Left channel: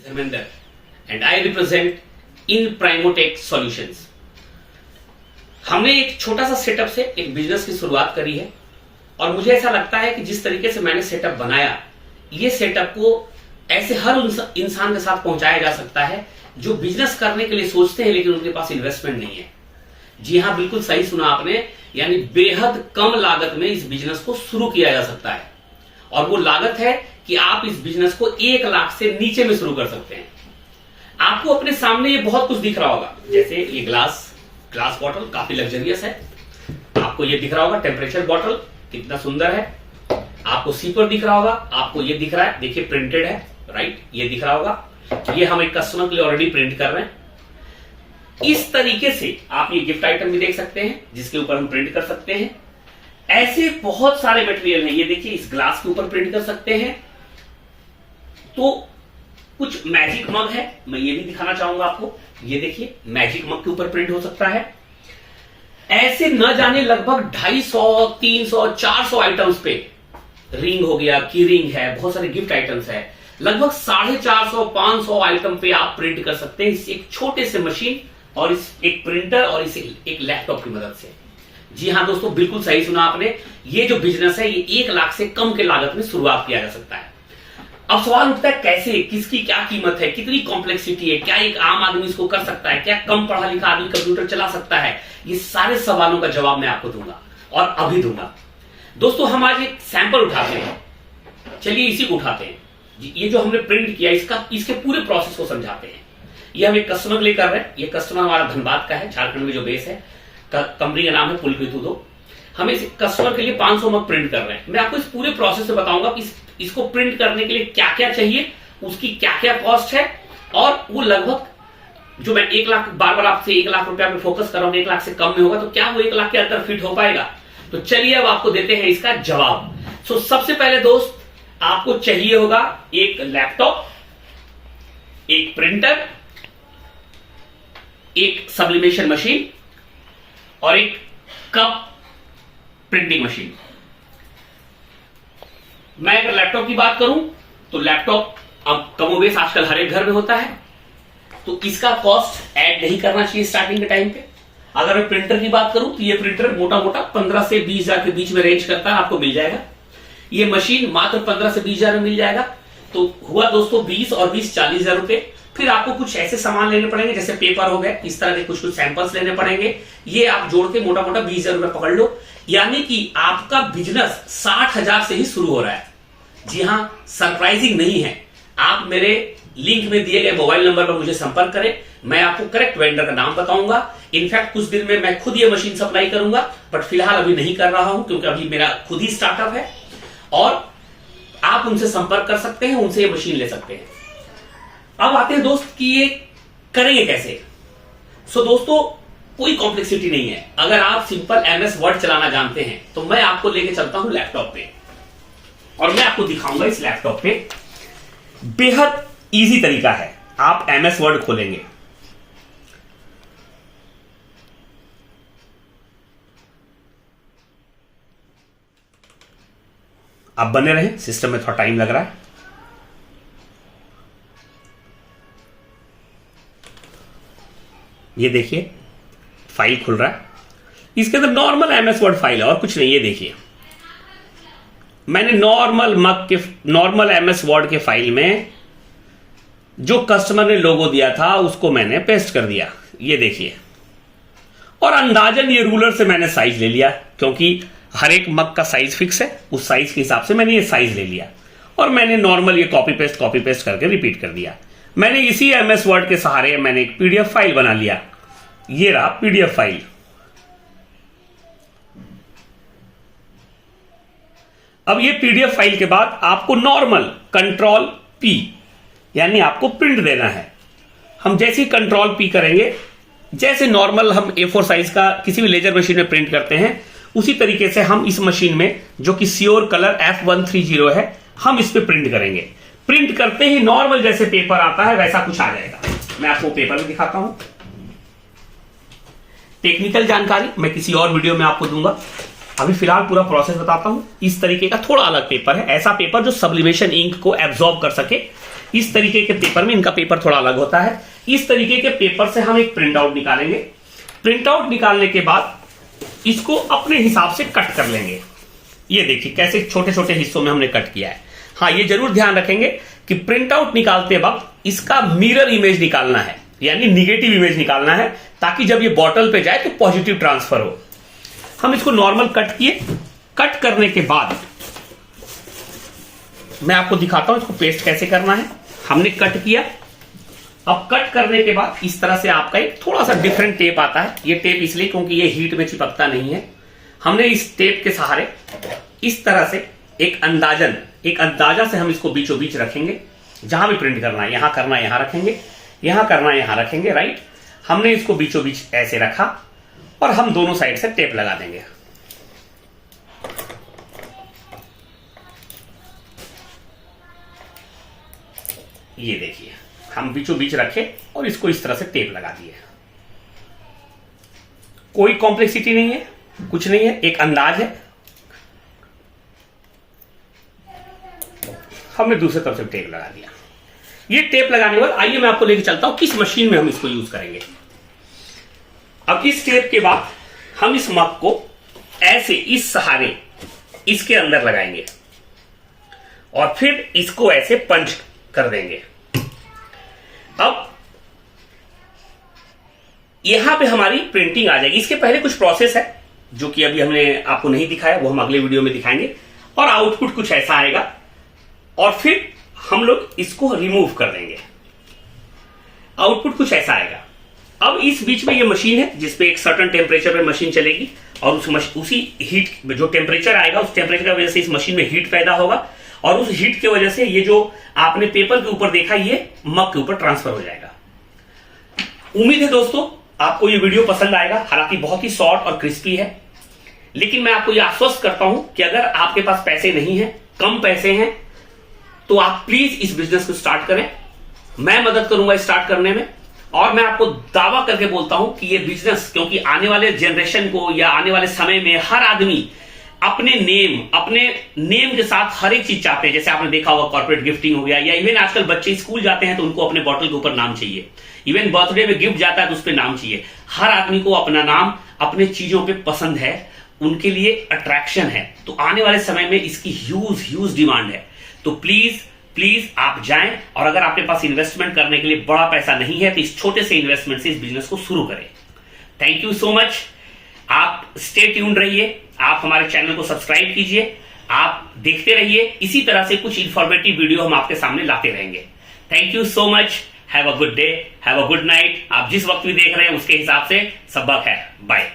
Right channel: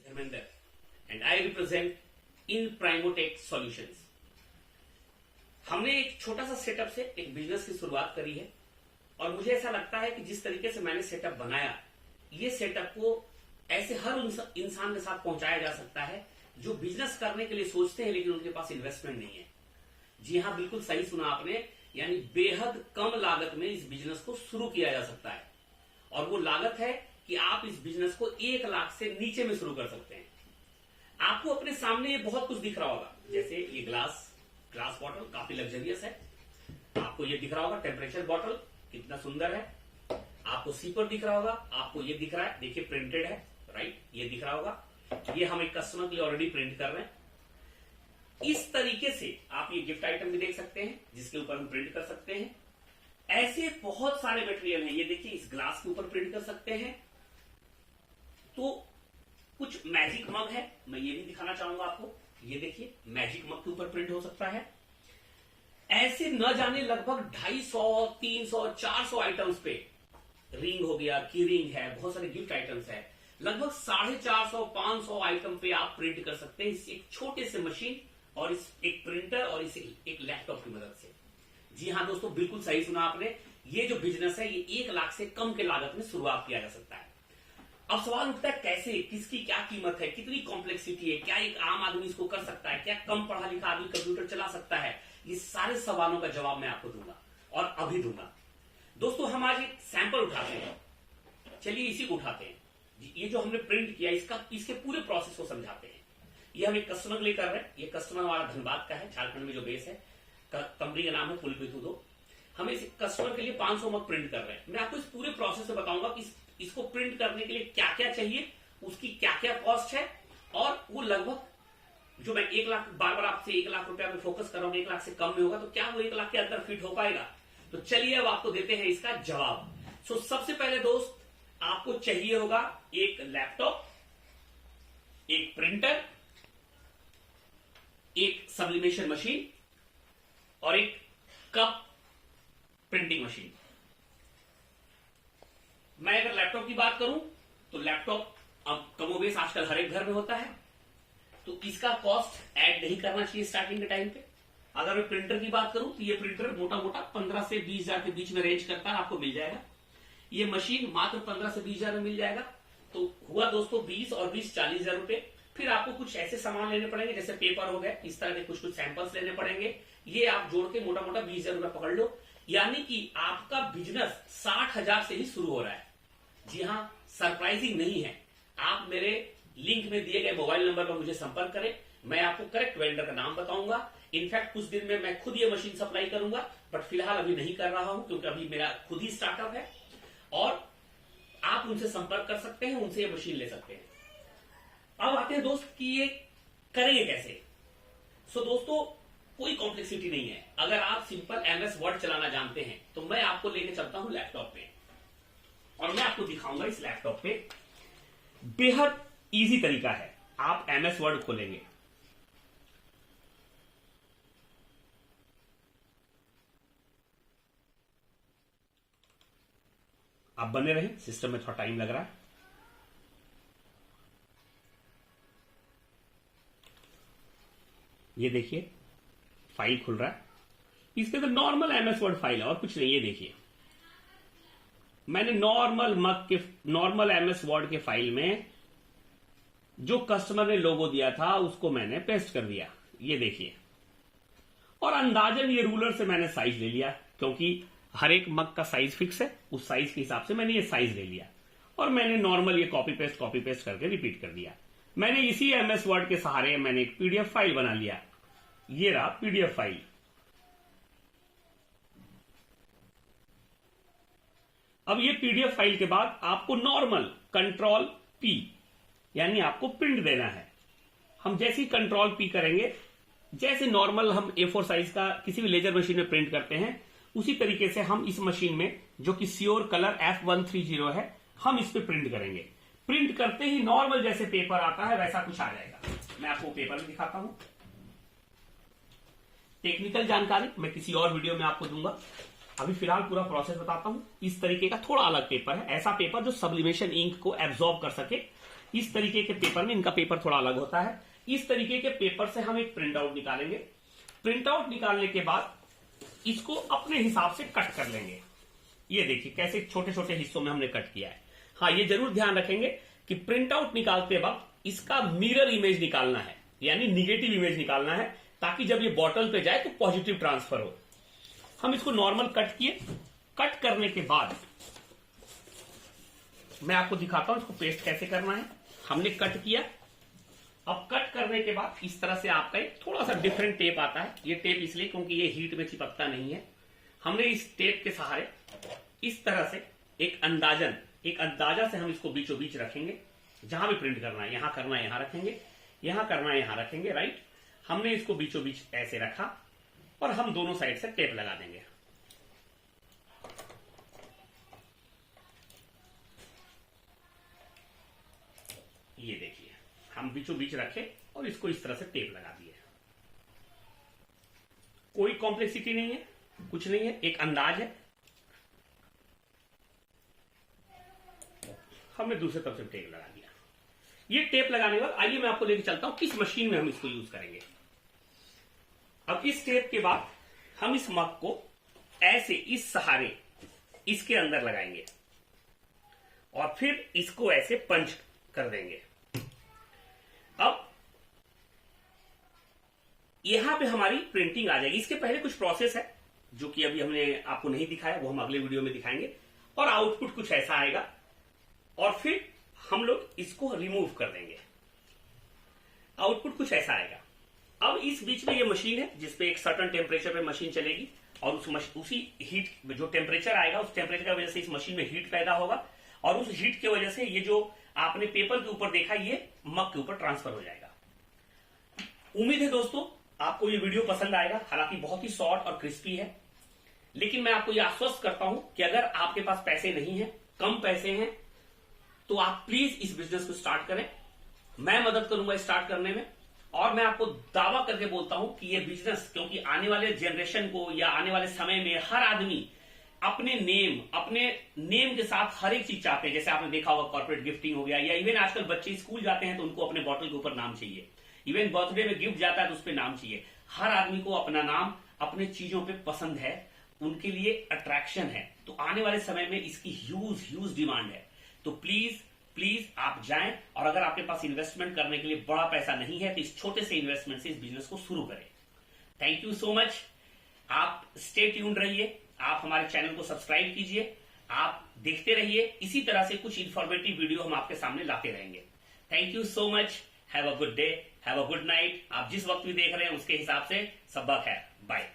Dharmender and I represent in Primotech Solutions। हमने एक छोटा सा सेटअप से एक बिजनेस की शुरुआत करी है और मुझे ऐसा लगता है कि जिस तरीके से मैंने सेटअप बनाया, ये सेटअप को ऐसे हर इंसान के साथ पहुंचाया जा सकता है जो बिजनेस करने के लिए सोचते हैं लेकिन उनके पास इन्वेस्टमेंट नहीं है। जी हाँ, बिल्कुल सही सुना आपने, यानी बेहद कम लागत में इस बिजनेस को शुरू किया जा सकता है और वो लागत है कि आप इस बिजनेस को 1 लाख से नीचे में शुरू कर सकते हैं। आपको अपने सामने ये बहुत कुछ दिख रहा होगा, जैसे ये ग्लास बॉटल काफी लग्जरियस है। आपको ये दिख रहा होगा टेम्परेचर बॉटल कितना सुंदर है। आपको सीपर दिख रहा होगा, आपको ये दिख रहा है, देखिए प्रिंटेड है, राइट, ये दिख रहा होगा। ये हम एक कस्टमर के लिए ऑलरेडी प्रिंट कर रहे हैं। इस तरीके से आप ये गिफ्ट आइटम भी देख सकते हैं जिसके ऊपर हम प्रिंट कर सकते हैं। ऐसे बहुत सारे मटेरियल हैं, ये देखिए इस ग्लास के ऊपर प्रिंट कर सकते हैं। तो कुछ मैजिक मग है, मैं ये भी दिखाना चाहूंगा आपको। ये देखिए मैजिक मग के ऊपर प्रिंट हो सकता है। ऐसे न जाने लगभग 250, 300, 400 आइटम्स पे रिंग हो गया, की रिंग है, बहुत सारे गिफ्ट आइटम्स है। लगभग 450, 500 आइटम पे आप प्रिंट कर सकते हैं इस एक छोटे से मशीन और इस एक प्रिंटर और इस एक लैपटॉप की मदद से। जी हाँ दोस्तों, बिल्कुल सही सुना आपने। ये जो बिजनेस है ये 1 लाख से कम के लागत में शुरुआत किया जा सकता है। अब सवाल उठता है कैसे, किसकी क्या कीमत है, कितनी कॉम्प्लेक्सिटी है, क्या एक आम आदमी इसको कर सकता है, क्या कम पढ़ा लिखा आदमी कंप्यूटर चला सकता है। ये सारे सवालों का जवाब मैं आपको दूंगा और अभी दूंगा। दोस्तों हम आज एक सैंपल उठाते हैं, चलिए इसी को उठाते हैं। ये जो हमने प्रिंट किया इसके पूरे प्रोसेस को समझाते हैं। ये हम एक कस्टमर के लिए कर रहे हैं। ये कस्टमर हमारा धनबाद का है, झारखंड में जो बेस है। कंपनी का नाम है पुलकृत उद्योग। हम इस कस्टमर के लिए 500 मग प्रिंट कर रहे हैं। मैं आपको इस पूरे प्रोसेस से बताऊंगा कि इसको प्रिंट करने के लिए क्या क्या चाहिए, उसकी क्या क्या कॉस्ट है और वो लगभग जो मैं 1 लाख, बार आपसे 1 लाख रुपया में फोकस कर रहा हूं, 1 लाख से कम में होगा तो क्या वो 1 लाख के अंदर फिट हो पाएगा। तो चलिए अब आपको देते हैं इसका जवाब। सबसे पहले दोस्त आपको चाहिए होगा एक लैपटॉप, एक प्रिंटर, एक सब्लिमेशन मशीन और एक कप प्रिंटिंग मशीन। मैं अगर लैपटॉप की बात करूं तो लैपटॉप अब कमोबेश आजकल हर एक घर में होता है, तो इसका कॉस्ट ऐड नहीं करना चाहिए स्टार्टिंग के टाइम पे। अगर मैं प्रिंटर की बात करूं तो ये प्रिंटर मोटा मोटा 15 से 20 हजार के बीच में रेंज करता है, आपको मिल जाएगा। ये मशीन मात्र 15 से 20 हजार में मिल जाएगा। तो हुआ दोस्तों 20 और 20 40 हजार रुपए। फिर आपको कुछ ऐसे सामान लेने पड़ेंगे जैसे पेपर हो गए, इस तरह के कुछ सैंपल्स लेने पड़ेंगे। ये आप जोड़ के मोटा मोटा 20 हजार रुपए पकड़ लो, यानी कि आपका बिजनेस 60 हजार से ही शुरू हो रहा है। जी हाँ, सरप्राइजिंग नहीं है। आप मेरे लिंक में दिए गए मोबाइल नंबर पर मुझे संपर्क करें, मैं आपको करेक्ट वेंडर का नाम बताऊंगा। इनफैक्ट कुछ दिन में मैं खुद ये मशीन सप्लाई करूंगा, बट फिलहाल अभी नहीं कर रहा हूं क्योंकि अभी मेरा खुद ही स्टार्टअप है। और आप उनसे संपर्क कर सकते हैं, उनसे ये मशीन ले सकते हैं। अब आते हैं दोस्त कि ये करेंगे कैसे। दोस्तों कोई कॉम्प्लेक्सिटी नहीं है। अगर आप सिंपल MS वर्ड चलाना जानते हैं तो मैं आपको लेके चलता हूं लैपटॉप पे और मैं आपको दिखाऊंगा इस लैपटॉप पे बेहद इजी तरीका है। आप MS वर्ड खोलेंगे, आप बने रहें, सिस्टम में थोड़ा टाइम लग रहा है। ये देखिए फाइल खुल रहा है, इसके अंदर नॉर्मल MS वर्ड फाइल है और कुछ नहीं। ये देखिए मैंने नॉर्मल MS वर्ड के फाइल में जो कस्टमर ने लोगो दिया था उसको मैंने पेस्ट कर दिया। ये देखिए, और अंदाजन ये रूलर से मैंने साइज ले लिया क्योंकि हर एक मग का साइज फिक्स है, उस साइज के हिसाब से मैंने ये साइज ले लिया और मैंने नॉर्मल ये कॉपी पेस्ट करके रिपीट कर दिया। मैंने इसी MS वर्ड के सहारे मैंने एक PDF फाइल बना लिया। ये रहा PDF फाइल। अब ये PDF फाइल के बाद आपको नॉर्मल Ctrl+P यानी आपको प्रिंट देना है। हम जैसे ही Ctrl+P करेंगे, जैसे नॉर्मल हम A4 साइज का किसी भी लेजर मशीन में प्रिंट करते हैं, उसी तरीके से हम इस मशीन में जो कि श्योर कलर F130 है, हम इस पे प्रिंट करेंगे। प्रिंट करते ही नॉर्मल जैसे पेपर आता है वैसा कुछ आ जाएगा। मैं आपको पेपर भी दिखाता हूं। टेक्निकल जानकारी मैं किसी और वीडियो में आपको दूंगा, अभी फिलहाल पूरा प्रोसेस बताता हूं। इस तरीके का थोड़ा अलग पेपर है, ऐसा पेपर जो सब्लिमेशन इंक को एब्जॉर्ब कर सके। इस तरीके के पेपर में, इनका पेपर थोड़ा अलग होता है, इस तरीके के पेपर से हम एक प्रिंट आउट निकालेंगे। प्रिंट आउट निकालने के बाद इसको अपने हिसाब से कट कर लेंगे। ये देखिए कैसे छोटे छोटे हिस्सों में हमने कट किया है। हाँ, ये जरूर ध्यान रखेंगे कि प्रिंट आउट निकालते वक्त इसका मिरर इमेज निकालना है, यानी निगेटिव इमेज निकालना है, ताकि जब ये बॉटल पे जाए तो पॉजिटिव ट्रांसफर हो। हम इसको नॉर्मल कट किए। कट करने के बाद मैं आपको दिखाता हूं इसको पेस्ट कैसे करना है। हमने कट किया। अब कट करने के बाद इस तरह से आपका एक थोड़ा सा डिफरेंट टेप आता है। ये टेप इसलिए क्योंकि ये हीट में चिपकता नहीं है। हमने इस टेप के सहारे इस तरह से एक अंदाजा से हम इसको बीचों बीच रखेंगे। जहां भी प्रिंट करना है, यहां करना है यहां रखेंगे, यहां करना है यहां रखेंगे, राइट। हमने इसको बीचों बीच ऐसे रखा और हम दोनों साइड से टेप लगा देंगे। ये देखिए हम बीचों बीच रखे और इसको इस तरह से टेप लगा दिए। कोई कॉम्प्लेक्सिटी नहीं है, कुछ नहीं है, एक अंदाज है। हमने दूसरी तरफ से टेप लगा दिया। ये टेप लगाने के बाद आइए मैं आपको लेके चलता हूं किस मशीन में हम इसको यूज करेंगे। अब इस टेप के बाद हम इस मग को ऐसे इस सहारे इसके अंदर लगाएंगे और फिर इसको ऐसे पंच कर देंगे। अब यहां पे हमारी प्रिंटिंग आ जाएगी। इसके पहले कुछ प्रोसेस है जो कि अभी हमने आपको नहीं दिखाया, वो हम अगले वीडियो में दिखाएंगे। और आउटपुट कुछ ऐसा आएगा और फिर हम लोग इसको रिमूव कर देंगे। आउटपुट कुछ ऐसा आएगा। अब इस बीच में ये मशीन है जिसपे एक सर्टेन टेम्परेचर पे मशीन चलेगी और उसी हीट जो टेम्परेचर आएगा, उस टेम्परेचर की वजह से इस मशीन में हीट पैदा होगा और उस हीट की वजह से ये जो आपने पेपर के ऊपर देखा ये मग के ऊपर ट्रांसफर हो जाएगा। उम्मीद है दोस्तों आपको ये वीडियो पसंद आएगा। हालांकि बहुत ही शॉर्ट और क्रिस्पी है, लेकिन मैं आपको ये आश्वस्त करता हूं कि अगर आपके पास पैसे नहीं है, कम पैसे हैं, तो आप प्लीज इस बिजनेस को स्टार्ट करें। मैं मदद करूंगा स्टार्ट करने में। और मैं आपको दावा करके बोलता हूं कि ये बिजनेस, क्योंकि आने वाले जनरेशन को या आने वाले समय में हर आदमी अपने नेम के साथ हर एक चीज चाहते हैं। जैसे आपने देखा होगा कॉर्पोरेट गिफ्टिंग हो गया, या इवन आजकल बच्चे स्कूल जाते हैं तो उनको अपने बॉटल के ऊपर नाम चाहिए। इवन बर्थडे में गिफ्ट जाता है तो उस पर नाम चाहिए। हर आदमी को अपना नाम अपने चीजों पे पसंद है, उनके लिए अट्रैक्शन है। तो आने वाले समय में इसकी ह्यूज डिमांड है। तो प्लीज आप जाएं, और अगर आपके पास इन्वेस्टमेंट करने के लिए बड़ा पैसा नहीं है तो इस छोटे से इन्वेस्टमेंट से इस बिजनेस को शुरू करें। Thank you so much. आप स्टे ट्यून्ड रहिए, आप हमारे चैनल को सब्सक्राइब कीजिए, आप देखते रहिए। इसी तरह से कुछ इंफॉर्मेटिव वीडियो हम आपके सामने लाते रहेंगे। Thank you so much. Have a good day, have a good night. आप जिस वक्त भी देख रहे हैं उसके हिसाब से सबक है। बाय।